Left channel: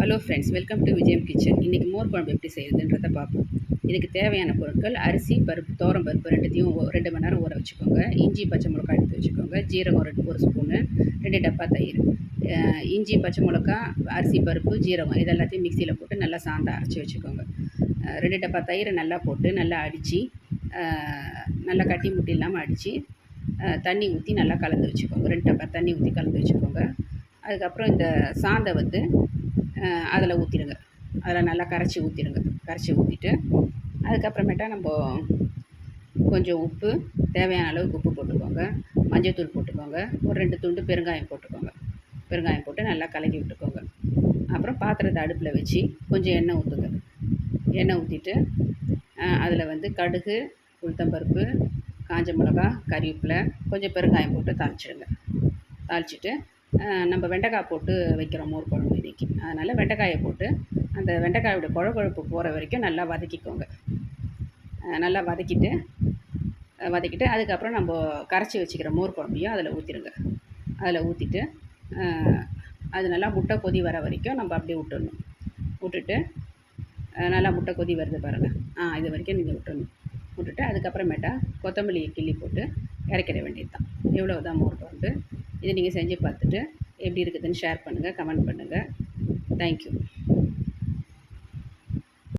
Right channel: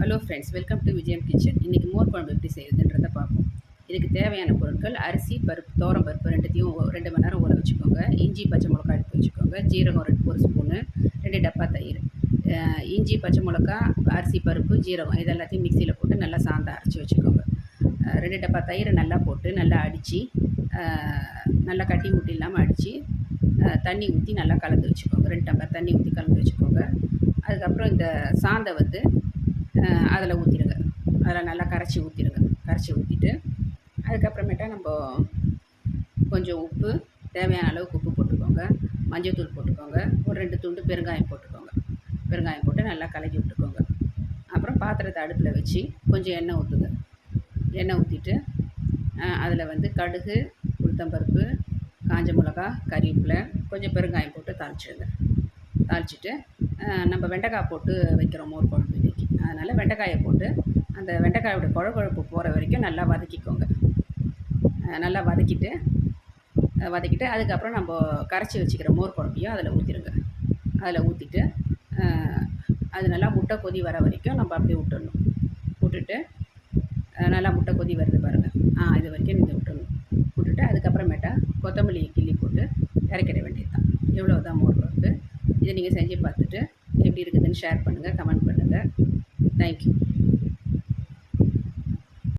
Hello friends, welcome to விஜயம் kitchen. இன்றைக்கி மோர் குழம்பு எப்படி செய்யுதுன்றதை பார்ப்போம். இதுக்கு தேவையான பொருட்கள்: அரிசி, பருப்பு, துவரம் பருப்பு ரெண்டுத்தையும் 2 மணி நேரம் ஊற வச்சுக்கோங்க. இஞ்சி, பச்சை மிளகாய் எடுத்து வச்சுக்கோங்க. ஜீரகம் 1 ஸ்பூனு, 2 டப்பா தயிர். இஞ்சி, பச்சை மிளகா, அரிசி, பருப்பு, ஜீரகம் இது எல்லாத்தையும் மிக்சியில் போட்டு நல்லா சாந்தா அரைச்சி வச்சுக்கோங்க. 2 டப்பா தயிரை நல்லா போட்டு நல்லா அடித்து, நல்லா கட்டி முட்டி இல்லாமல் அடித்து, தண்ணி ஊற்றி நல்லா கலந்து வச்சுக்கோங்க. 2 டம்ளர் தண்ணி ஊற்றி கலந்து வச்சுக்கோங்க. அதுக்கப்புறம் இந்த சாந்தை அதில் ஊற்றிடுங்க. அதில் நல்லா கரைச்சி ஊற்றிட்டு அதுக்கப்புறமேட்டா நம்ம கொஞ்சம் உப்பு, தேவையான அளவுக்கு உப்பு போட்டுக்கோங்க. மஞ்சள்தூள் போட்டுக்கோங்க. ஒரு 2 துண்டு பெருங்காயம் போட்டுக்கோங்க. பெருங்காயம் போட்டு நல்லா கலக்கி விட்டுக்கோங்க. அப்புறம் பாத்திரத்தை அடுப்பில் வச்சு கொஞ்சம் எண்ணெய் ஊற்றுங்க. எண்ணெய் ஊற்றிட்டு அதில் கடுகு, உளுத்தம்பருப்பு, காஞ்ச மிளகா, கறிவேப்பிலை, கொஞ்சம் பெருங்காயம் போட்டு தாளிச்சிட்டு நம்ம வெண்டைக்காய் போட்டு வைக்கிறோம் மோர் குழம்பு இன்றைக்கி. அதனால் வெண்டைக்காயை போட்டு அந்த வெண்டைக்காயோட கொழப்பு போகிற வரைக்கும் நல்லா வதக்கிக்கோங்க. நல்லா வதக்கிட்டு அதுக்கப்புறம் நம்ம கரைச்சி வச்சுக்கிற மோர் குழம்பையும் அதில் ஊற்றிடுங்க. அதில் ஊற்றிட்டு அது நல்லா முட்டை கொதி வர வரைக்கும் நம்ம அப்படியே விட்டுட்டு நல்லா முட்டை கொதி வருது பாருங்கள். இது வரைக்கும் நீங்கள் விட்டுட்டு அதுக்கப்புறமேட்டா கொத்தமல்லி கிள்ளி போட்டு இறக்கிட வேண்டியது தான். இவ்வளோ தான் மோர் குழம்பு. இதை நீங்கள் செஞ்சு பார்த்துட்டு எப்படி இருக்குதுன்னு ஷேர் பண்ணுங்கள், கமெண்ட் பண்ணுங்கள். தேங்க்யூ.